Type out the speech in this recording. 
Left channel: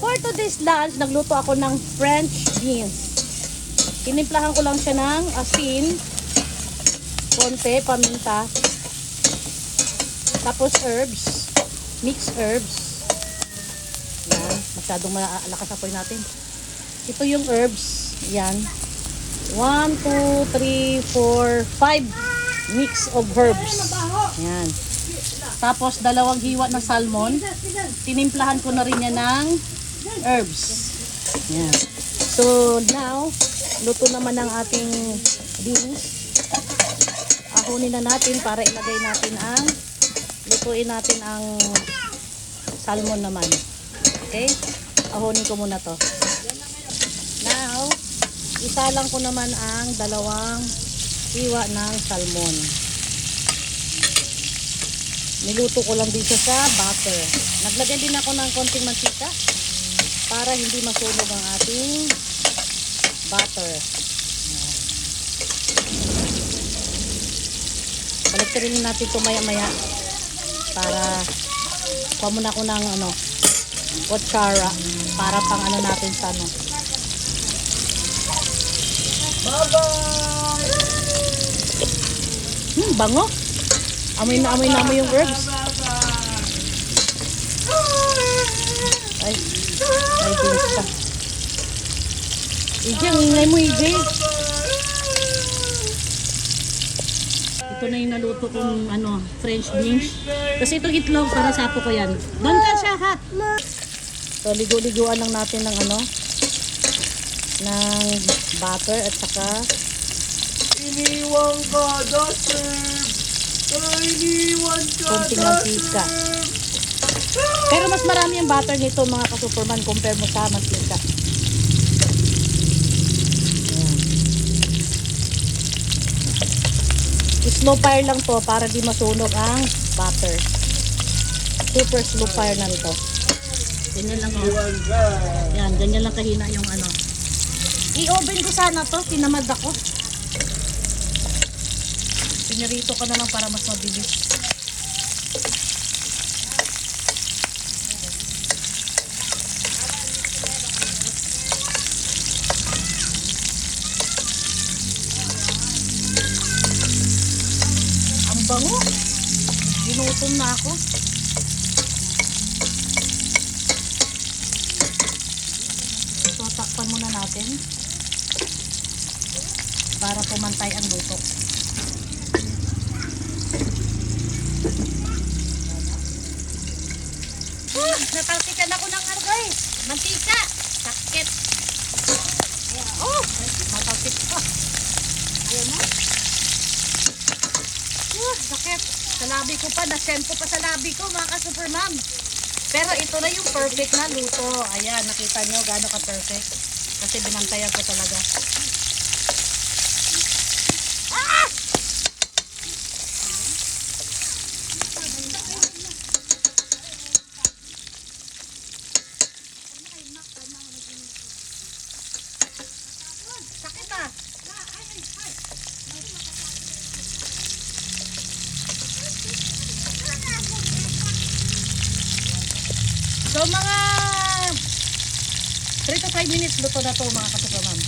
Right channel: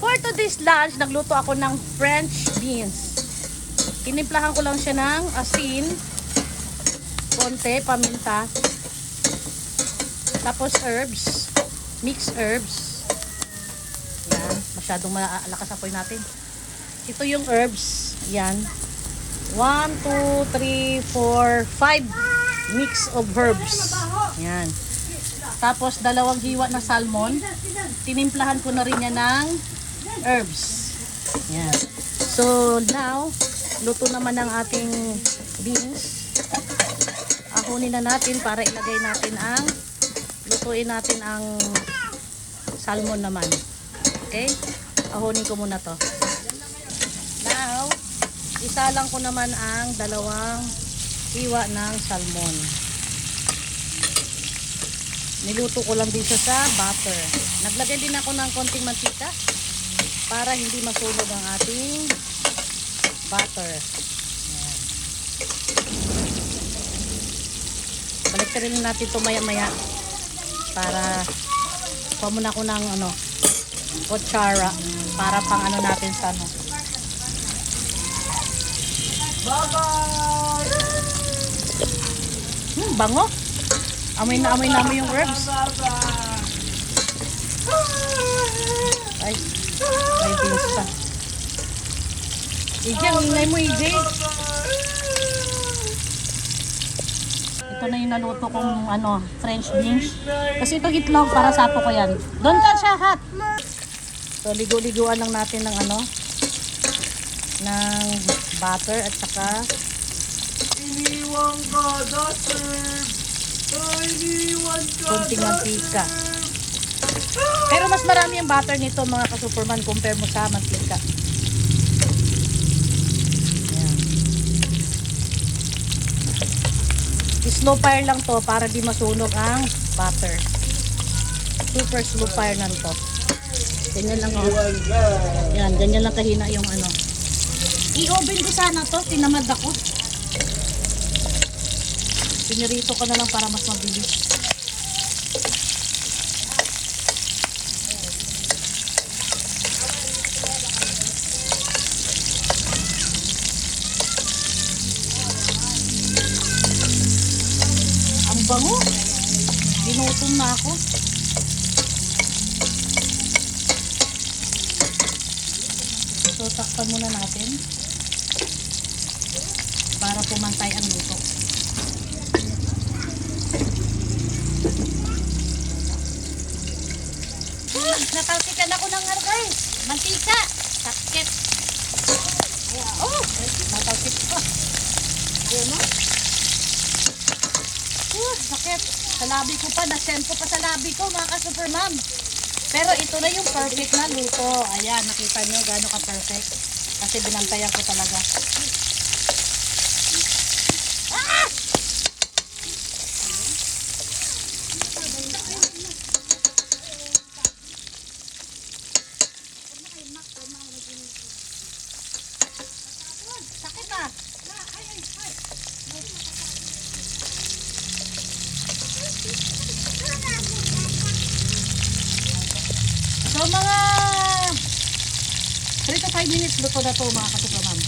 For today's lunch, nagluto ako ng French beans. Tinimplahan ko lang siya ng asin, konti, paminta, tapos herbs, mixed herbs. Yan, masyadong nakasapoy natin. Ito yung herbs. Yan. 1, 2, 3, 4, 5 mix of herbs. Yan. Tapos, 2 hiwa na salmon. Tinimplahan ko na rin yan ng herbs. Yan. So, now, luto naman ang ating beans. Ahonin na natin para ilagay natin ang lutuin natin ang salmon naman. Okay? Ahonin ko muna to. Now, isalang ko naman ang 2 hiwa ng salmon. Niluto ko lang dito sa butter. Naglagay din ako ng konting mantika para hindi masunog ang ating butter. Balikin natin ito maya-maya para pamuna ko ng kutsara para pang natin sa bango. Amoy na amoy yung herbs. Ay, ang ingay mo, EJ. Ito na yung naluto kong French beans. Kasi itong itlog para sapo ko yan. Doon ka siya, hat. So, ligo-liguan lang natin ng ng butter at saka Iniwan ka, Duster! Iniwan ka, konting mantika. Pero mas marami ang butter nito mga ka-superman compare mo sa mantika. Slow fire lang to para di masunog ang butter. Super slow fire lang ito. Ganyan lang Yan, ganyan lang kahina yung I-oven ko sana to, tinamad ako. Pinirito ko na lang para mas mabilis. Ang bango. Ginutom na ako. So, takpan muna natin para pumantay ang luto. Natalsikan ako ng guys. Mantika. Sakit. Oh, natalsik ko. Ayun na. Sakit. Sa labi ko pa. Nasempo pa sa labi ko mga ka-supermom. Pero ito na yung perfect na luto. Ayan, nakita nyo gaano ka-perfect. Kasi binantayan ko talaga. Sakit ah. So mga 3 to 5 minutes luto na to mga ka-supermom.